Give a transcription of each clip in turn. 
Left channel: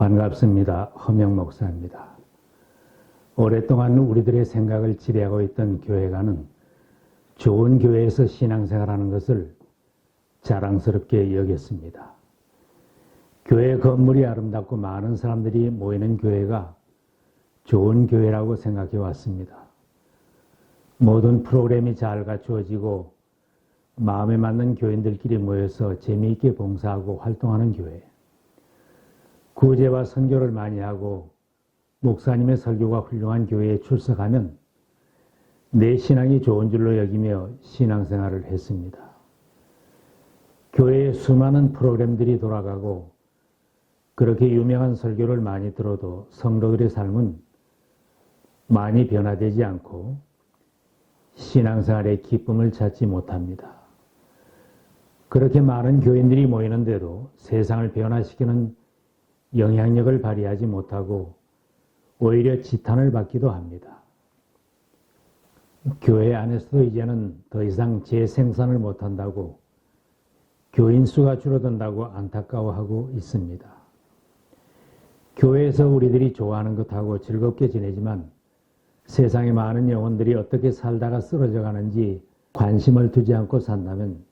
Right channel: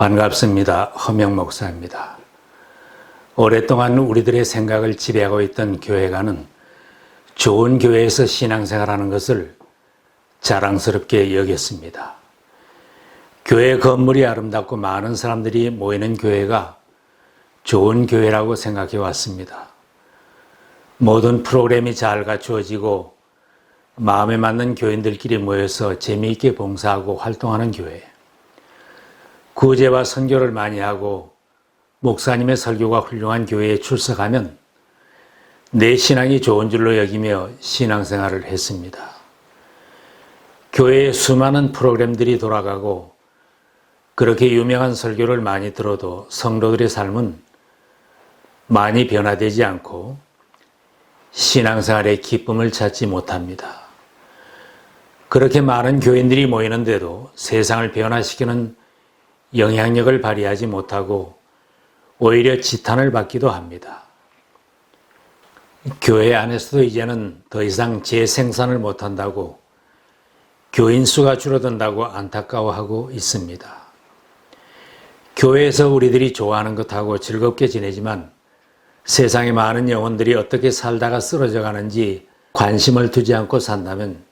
반갑습니다. 허명 목사입니다. 오랫동안 우리들의 생각을 지배하고 있던 교회가는 좋은 교회에서 신앙생활하는 것을 자랑스럽게 여겼습니다. 교회 건물이 아름답고 많은 사람들이 모이는 교회가 좋은 교회라고 생각해 왔습니다. 모든 프로그램이 잘 갖추어지고 마음에 맞는 교인들끼리 모여서 재미있게 봉사하고 활동하는 교회, 구제와 선교를 많이 하고 목사님의 설교가 훌륭한 교회에 출석하면 내 신앙이 좋은 줄로 여기며 신앙생활을 했습니다. 교회에 수많은 프로그램들이 돌아가고 그렇게 유명한 설교를 많이 들어도 성도들의 삶은 많이 변화되지 않고 신앙생활의 기쁨을 찾지 못합니다. 그렇게 많은 교인들이 모이는데도 세상을 변화시키는 영향력을 발휘하지 못하고 오히려 지탄을 받기도 합니다. 교회 안에서도 이제는 더 이상 재생산을 못한다고 교인 수가 줄어든다고 안타까워하고 있습니다. 교회에서 우리들이 좋아하는 것하고 즐겁게 지내지만 세상의 많은 영혼들이 어떻게 살다가 쓰러져 가는지 관심을 두지 않고 산다면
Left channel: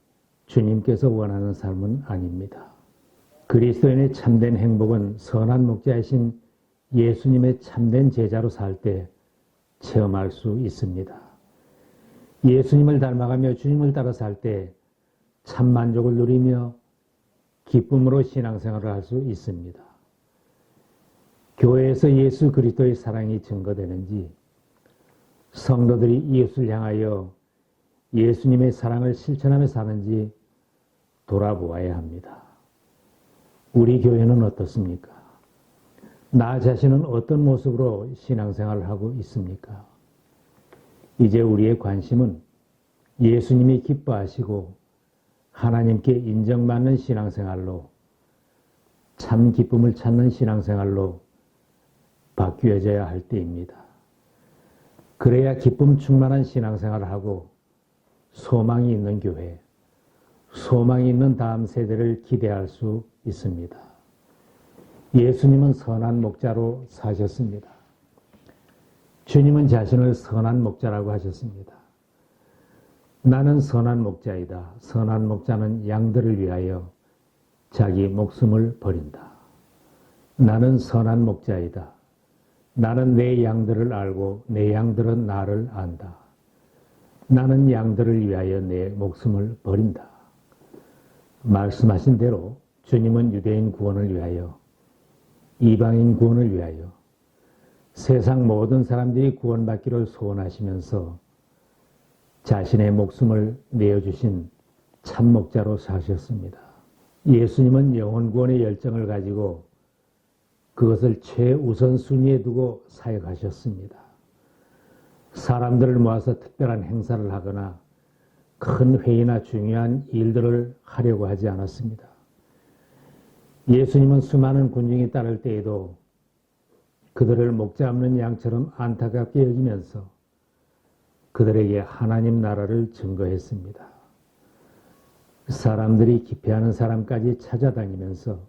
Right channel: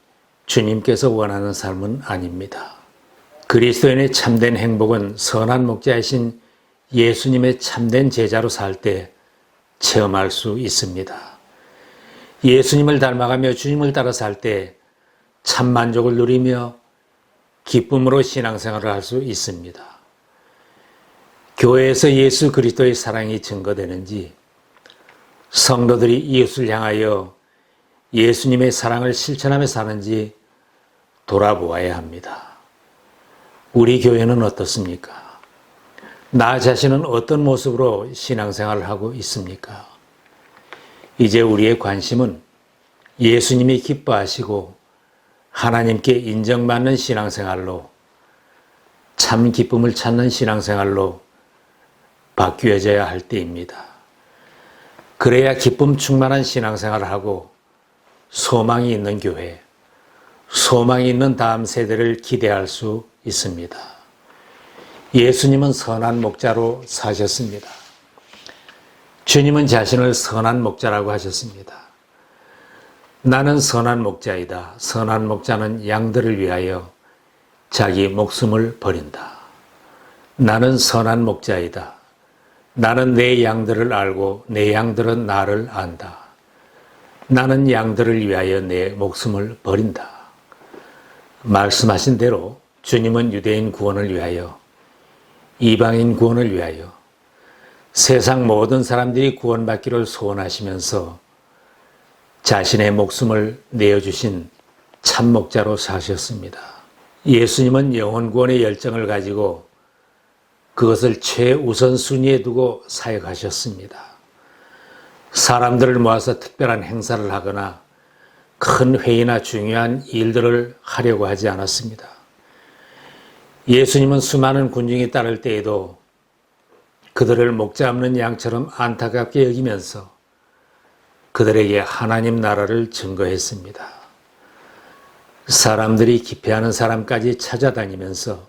주님께서 원하는 삶은 아닙니다. 그리스도인의 참된 행복은 선한 목자이신 예수님의 참된 제자로 살 때 체험할 수 있습니다. 예수님을 닮아가며 주님을 따라 살 때 참 만족을 누리며 기쁨으로 신앙생활을 할 수 있습니다. 교회에서 예수 그리스도의 사랑이 증거되는지, 성도들이 이웃을 향하여 예수님의 사랑을 실천하며 사는지 돌아보아야 합니다. 우리 교회는 어떻습니까? 나 자신은 어떤 모습으로 신앙생활을 하고 있습니까? 이제 우리의 관심은 예수님이 기뻐하시고 하나님께 인정받는 신앙생활로, 참 기쁨을 찾는 신앙생활로 바뀌어져야 할 때입니다. 그래야 기쁨 충만한 신앙생활을 하고 소망이 있는 교회, 소망이 있는 다음 세대를 기대할 수 있습니다. 예수님은 선한 목자로 사셨습니다. 주님은 자신을 선한 목자라고 하셨습니다. 나는 선한 목자이다. 선한 목자는 양들을 위하여 자기 목숨을 버린다. 나는 선한 목자이다. 나는 내 양들을 알고 내 양들은 나를 안다. 나는 양들을 위하여 내 목숨을 버린다. 말씀하신 대로 주님은 유대인 구원을 위하여, 이방인 구원을 위하여 세상 모든 사람들이 구원받기를 소원하시면서 자신의 목숨을 내어주신 참목자로 사셨습니다. 예수님은 영혼 구원의 열정을 가지고 그것을 최우선순위에 두고 사역하셨습니다. 사람들을 모아서 특별한 행사를 하거나 큰 회의나 중요한 일들을 하려고 하지 않았습니다. 예수님은 수많은 군중이 따를 때에도 그들을 목자 없는 양처럼 안타깝게 여기면서 그들에게 하나님 나라를 증거했습니다. 사람들이 기피하는 사람까지 찾아다니면서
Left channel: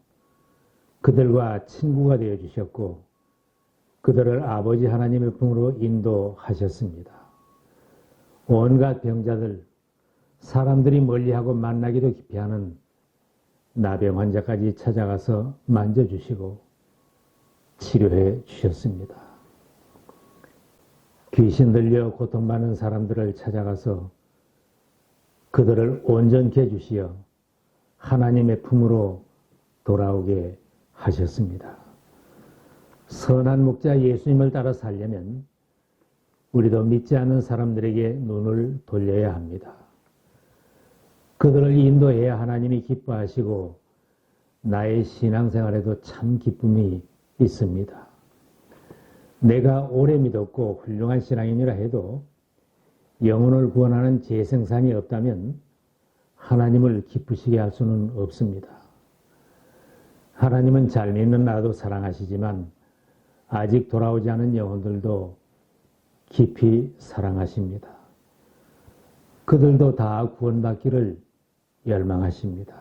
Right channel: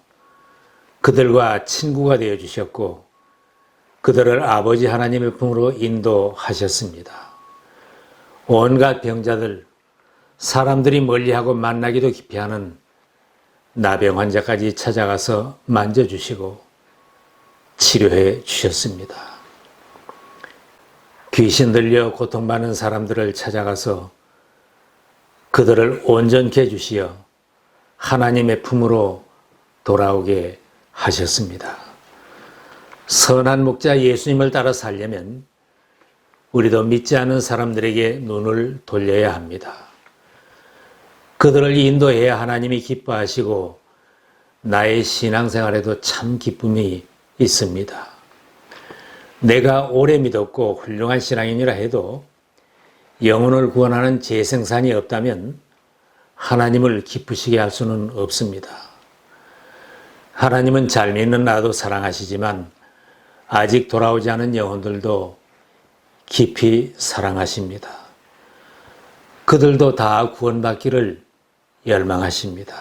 그들과 친구가 되어주셨고 그들을 아버지 하나님의 품으로 인도하셨습니다. 온갖 병자들, 사람들이 멀리하고 만나기도 기피하는 나병 환자까지 찾아가서 만져주시고 치료해 주셨습니다. 귀신 들려 고통받는 사람들을 찾아가서 그들을 온전케 해주시어 하나님의 품으로 돌아오게 하셨습니다. 선한 목자 예수님을 따라 살려면 우리도 믿지 않는 사람들에게 눈을 돌려야 합니다. 그들을 인도해야 하나님이 기뻐하시고 나의 신앙생활에도 참 기쁨이 있습니다. 내가 오래 믿었고 훌륭한 신앙인이라 해도 영혼을 구원하는 재생산이 없다면 하나님을 기쁘시게 할 수는 없습니다. 하나님은 잘 믿는 나도 사랑하시지만 아직 돌아오지 않은 영혼들도 깊이 사랑하십니다. 그들도 다 구원받기를 열망하십니다.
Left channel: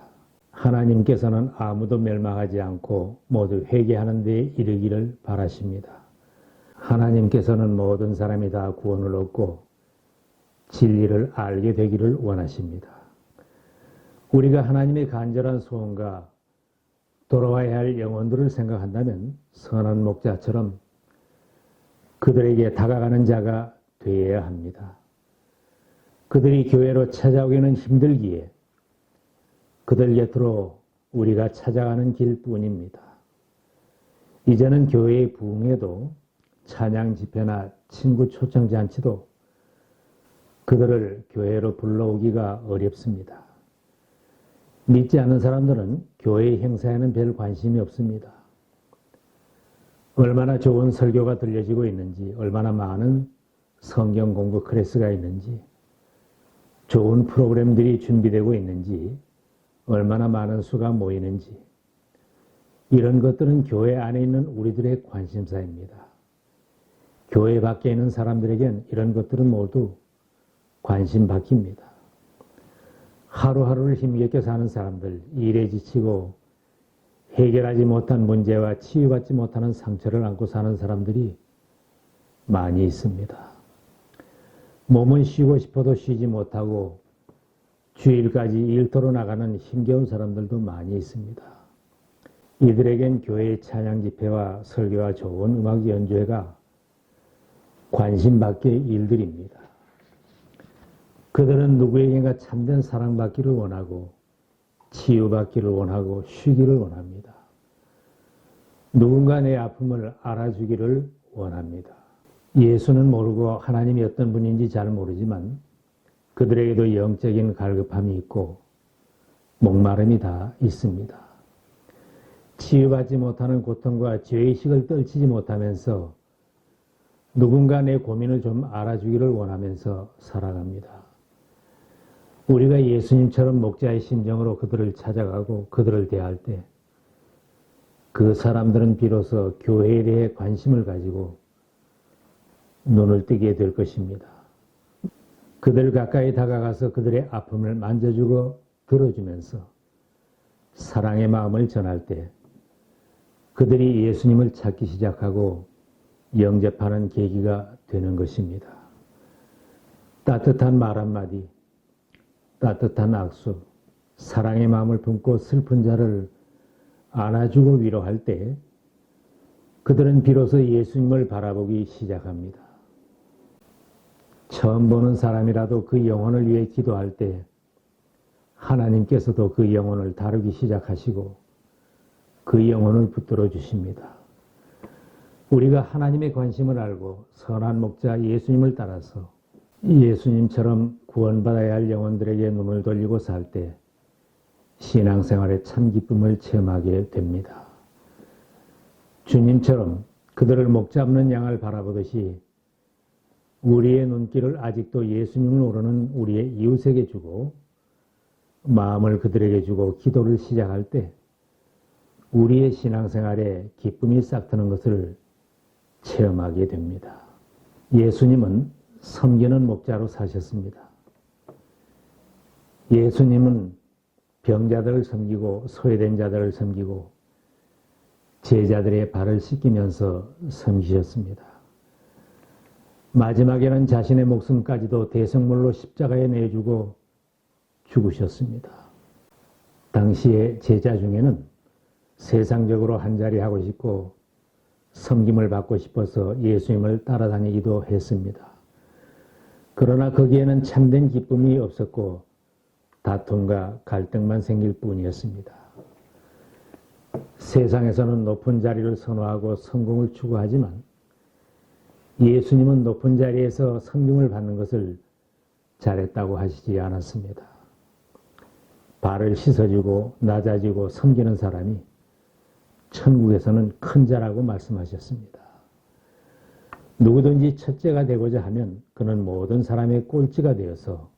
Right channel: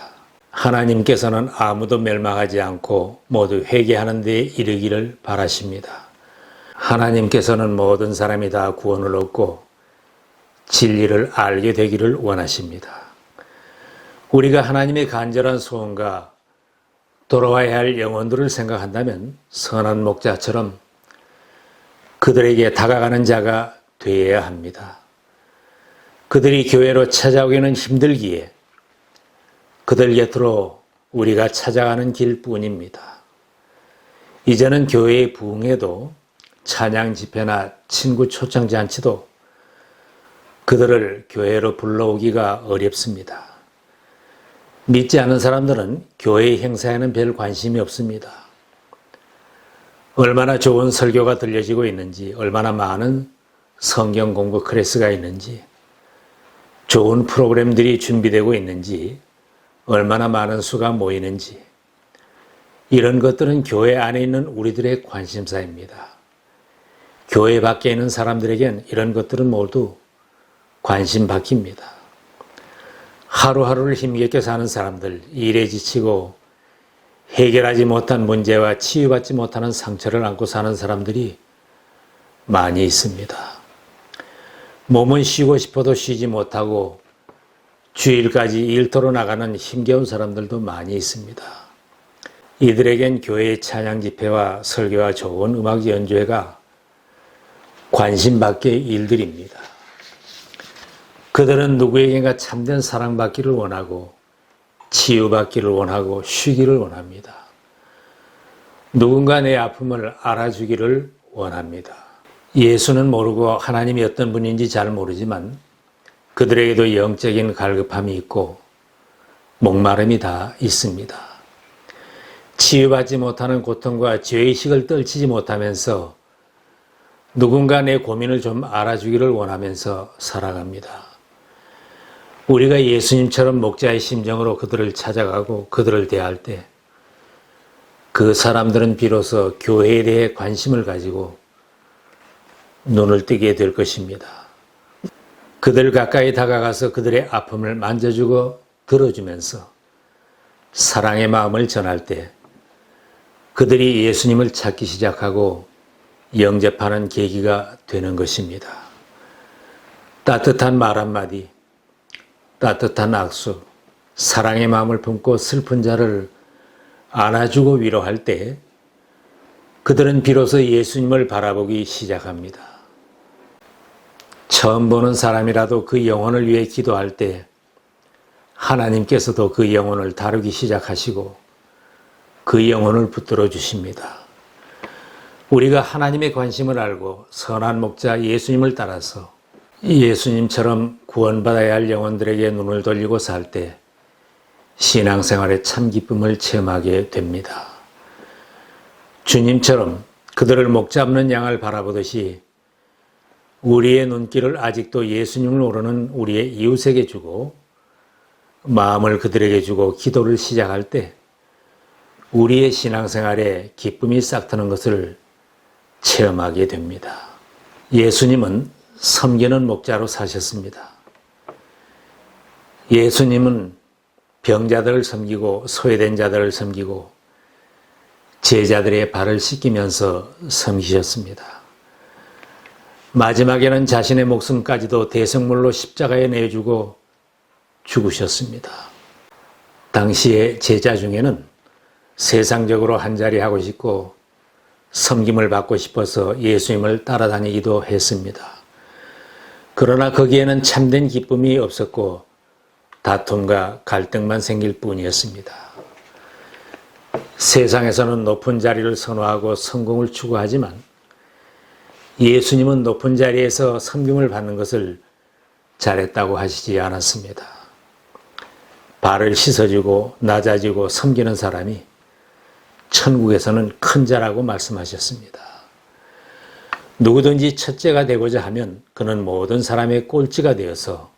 하나님께서는 아무도 멸망하지 않고 모두 회개하는 데 이르기를 바라십니다. 하나님께서는 모든 사람이 다 구원을 얻고 진리를 알게 되기를 원하십니다. 우리가 하나님의 간절한 소원과 돌아와야 할 영혼들을 생각한다면 선한 목자처럼 그들에게 다가가는 자가 되어야 합니다. 그들이 교회로 찾아오기는 힘들기에 그들 곁으로 우리가 찾아가는 길뿐입니다. 이제는 교회에 부흥해도 찬양 집회나 친구 초청 잔치도 그들을 교회로 불러오기가 어렵습니다. 믿지 않는 사람들은 교회 행사에는 별 관심이 없습니다. 얼마나 좋은 설교가 들려지고 있는지, 얼마나 많은 성경 공부 클래스가 있는지, 좋은 프로그램들이 준비되고 있는지, 얼마나 많은 수가 모이는지, 이런 것들은 교회 안에 있는 우리들의 관심사입니다. 교회 밖에 있는 사람들에겐 이런 것들은 모두 관심 밖입니다. 하루하루를 힘겹게 사는 사람들, 일에 지치고 해결하지 못한 문제와 치유받지 못하는 상처를 안고 사는 사람들이 많이 있습니다. 몸은 쉬고 싶어도 쉬지 못하고 주일까지 일터로 나가는 힘겨운 사람들도 많이 있습니다. 이들에겐 교회의 찬양 집회와 설교와 좋은 음악 연주회가 관심 밖의 일들입니다. 그들은 누구에게인가 참된 사랑받기를 원하고 치유받기를 원하고 쉬기를 원합니다. 누군가 내 아픔을 알아주기를 원합니다. 예수는 모르고 하나님이 어떤 분인지 잘 모르지만 그들에게도 영적인 갈급함이 있고 목마름이 다 있습니다. 치유받지 못하는 고통과 죄의식을 떨치지 못하면서 누군가 내 고민을 좀 알아주기를 원하면서 살아갑니다. 우리가 예수님처럼 목자의 심정으로 그들을 찾아가고 그들을 대할 때 그 사람들은 비로소 교회에 대해 관심을 가지고 눈을 뜨게 될 것입니다. 그들 가까이 다가가서 그들의 아픔을 만져주고 들어주면서 사랑의 마음을 전할 때 그들이 예수님을 찾기 시작하고 영접하는 계기가 되는 것입니다. 따뜻한 말 한마디, 따뜻한 악수, 사랑의 마음을 품고 슬픈 자를 안아주고 위로할 때 그들은 비로소 예수님을 바라보기 시작합니다. 처음 보는 사람이라도 그 영혼을 위해 기도할 때 하나님께서도 그 영혼을 다루기 시작하시고 그 영혼을 붙들어 주십니다. 우리가 하나님의 관심을 알고 선한 목자 예수님을 따라서 예수님처럼 구원받아야 할 영혼들에게 눈을 돌리고 살 때 신앙생활의 참 기쁨을 체험하게 됩니다. 주님처럼 그들을 목 잡는 양을 바라보듯이 우리의 눈길을 아직도 예수님을 모르는 우리의 이웃에게 주고 마음을 그들에게 주고 기도를 시작할 때 우리의 신앙생활에 기쁨이 싹트는 것을 체험하게 됩니다. 예수님은 섬기는 목자로 사셨습니다. 예수님은 병자들을 섬기고 소외된 자들을 섬기고 제자들의 발을 씻기면서 섬기셨습니다. 마지막에는 자신의 목숨까지도 대성물로 십자가에 내주고 죽으셨습니다. 당시의 제자 중에는 세상적으로 한자리 하고 싶고 섬김을 받고 싶어서 예수님을 따라다니기도 했습니다. 그러나 거기에는 참된 기쁨이 없었고 다툼과 갈등만 생길 뿐이었습니다. 세상에서는 높은 자리를 선호하고 성공을 추구하지만 예수님은 높은 자리에서 섬김을 받는 것을 잘했다고 하시지 않았습니다. 발을 씻어주고 낮아지고 섬기는 사람이 천국에서는 큰 자라고 말씀하셨습니다. 누구든지 첫째가 되고자 하면 그는 모든 사람의 꼴찌가 되어서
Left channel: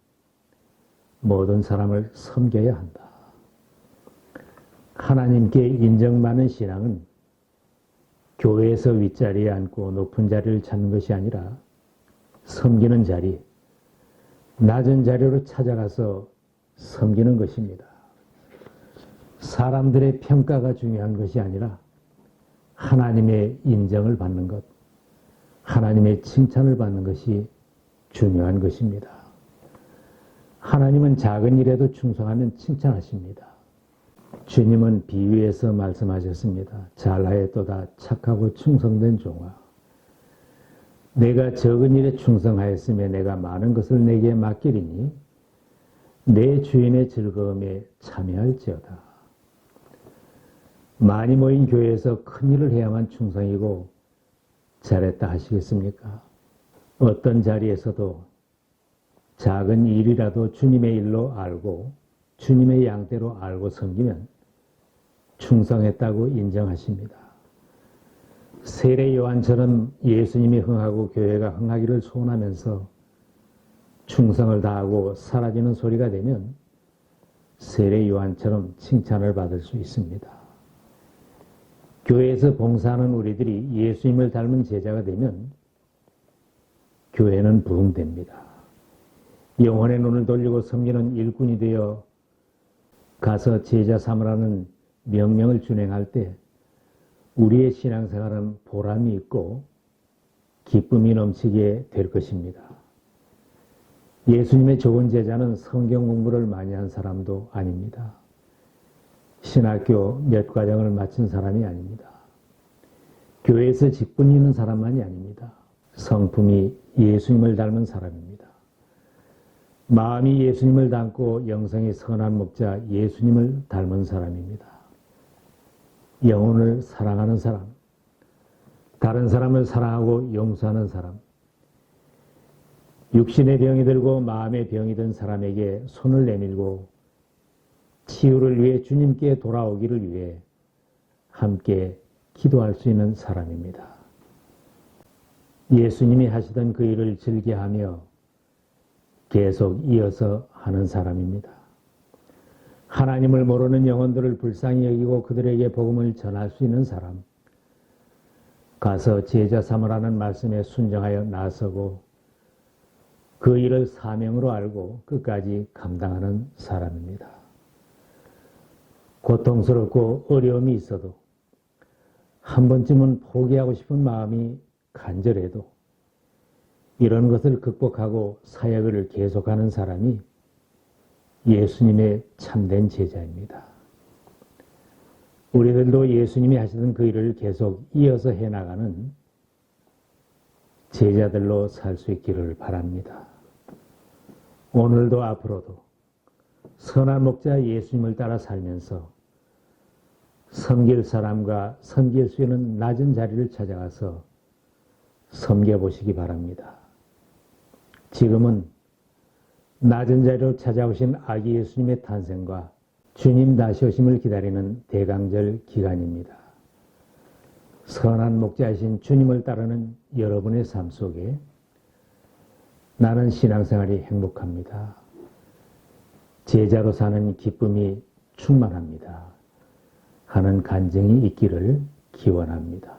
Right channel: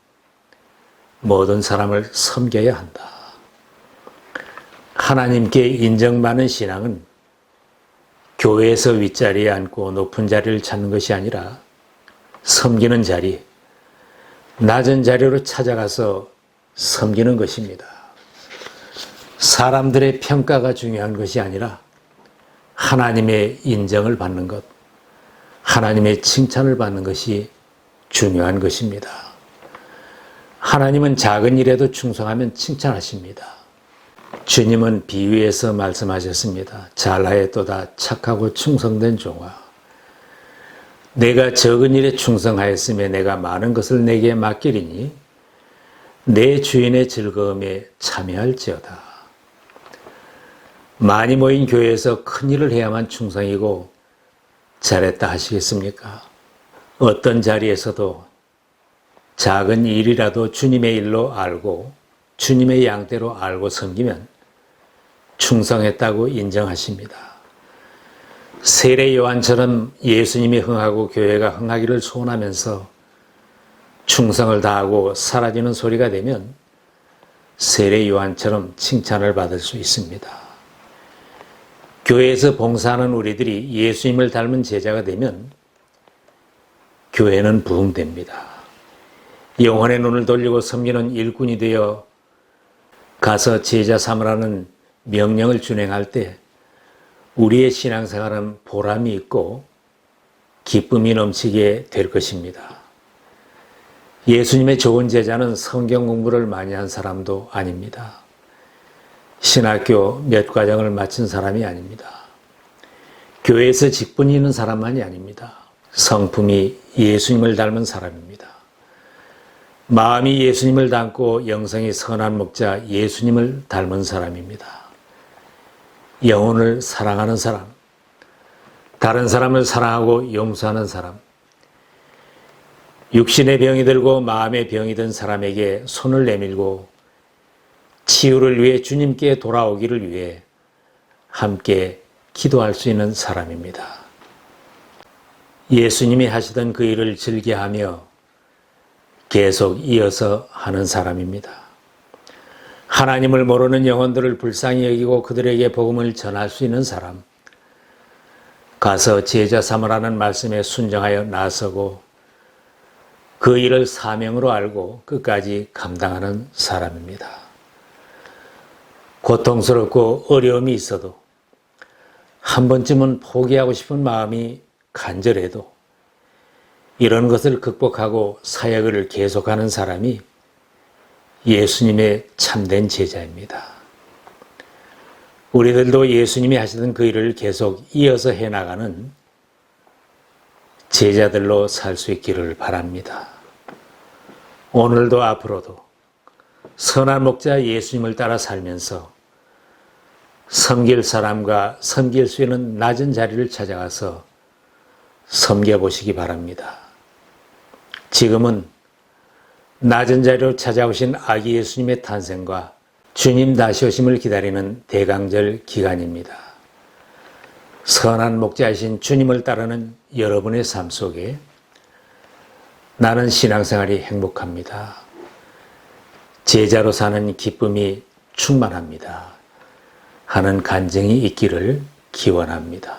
모든 사람을 섬겨야 한다. 하나님께 인정받는 신앙은 교회에서 윗자리에 앉고 높은 자리를 찾는 것이 아니라 섬기는 자리, 낮은 자리로 찾아가서 섬기는 것입니다. 사람들의 평가가 중요한 것이 아니라 하나님의 인정을 받는 것, 하나님의 칭찬을 받는 것이 중요한 것입니다. 하나님은 작은 일에도 충성하면 칭찬하십니다. 주님은 비유에서 말씀하셨습니다. 잘하였도다 착하고 충성된 종아. 내가 적은 일에 충성하였으며 내가 많은 것을 내게 맡기리니 내 주인의 즐거움에 참여할지어다. 많이 모인 교회에서 큰 일을 해야만 충성이고 잘했다 하시겠습니까? 어떤 자리에서도 작은 일이라도 주님의 일로 알고 주님의 양대로 알고 섬기면 충성했다고 인정하십니다. 세례 요한처럼 예수님이 흥하고 교회가 흥하기를 소원하면서 충성을 다하고 사라지는 소리가 되면 세례 요한처럼 칭찬을 받을 수 있습니다. 교회에서 봉사하는 우리들이 예수님을 닮은 제자가 되면 교회는 부흥됩니다. 영혼의 눈을 돌리고 섬기는 일꾼이 되어 가서 제자 삼으라는 명령을 준행할 때 우리의 신앙생활은 보람이 있고 기쁨이 넘치게 될 것입니다. 예수님의 좋은 제자는 성경 공부를 많이 한 사람도 아닙니다. 신학교 몇 과정을 마친 사람이 아닙니다. 교회에서 직분이 있는 사람만이 아닙니다. 성품이 예수님을 닮은 사람입니다. 마음이 예수님을 닮고 영성이 선한 목자 예수님을 닮은 사람입니다. 영혼을 사랑하는 사람, 다른 사람을 사랑하고 용서하는 사람, 육신의 병이 들고 마음의 병이 든 사람에게 손을 내밀고 치유를 위해 주님께 돌아오기를 위해 함께 기도할 수 있는 사람입니다. 예수님이 하시던 그 일을 즐겨하며 계속 이어서 하는 사람입니다. 하나님을 모르는 영혼들을 불쌍히 여기고 그들에게 복음을 전할 수 있는 사람, 가서 제자 삼으라는 말씀에 순종하여 나서고 그 일을 사명으로 알고 끝까지 감당하는 사람입니다. 고통스럽고 어려움이 있어도 한 번쯤은 포기하고 싶은 마음이 간절해도 이런 것을 극복하고 사역을 계속하는 사람이 예수님의 참된 제자입니다. 우리들도 예수님이 하시던 그 일을 계속 이어서 해나가는 제자들로 살 수 있기를 바랍니다. 오늘도 앞으로도 선한 목자 예수님을 따라 살면서 섬길 사람과 섬길 수 있는 낮은 자리를 찾아가서 섬겨보시기 바랍니다. 지금은 낮은 자리로 찾아오신 아기 예수님의 탄생과 주님 다시 오심을 기다리는 대강절 기간입니다. 선한 목자이신 주님을 따르는 여러분의 삶 속에 나는 신앙생활이 행복합니다. 제자로 사는 기쁨이 충만합니다. 하는 간증이 있기를 기원합니다.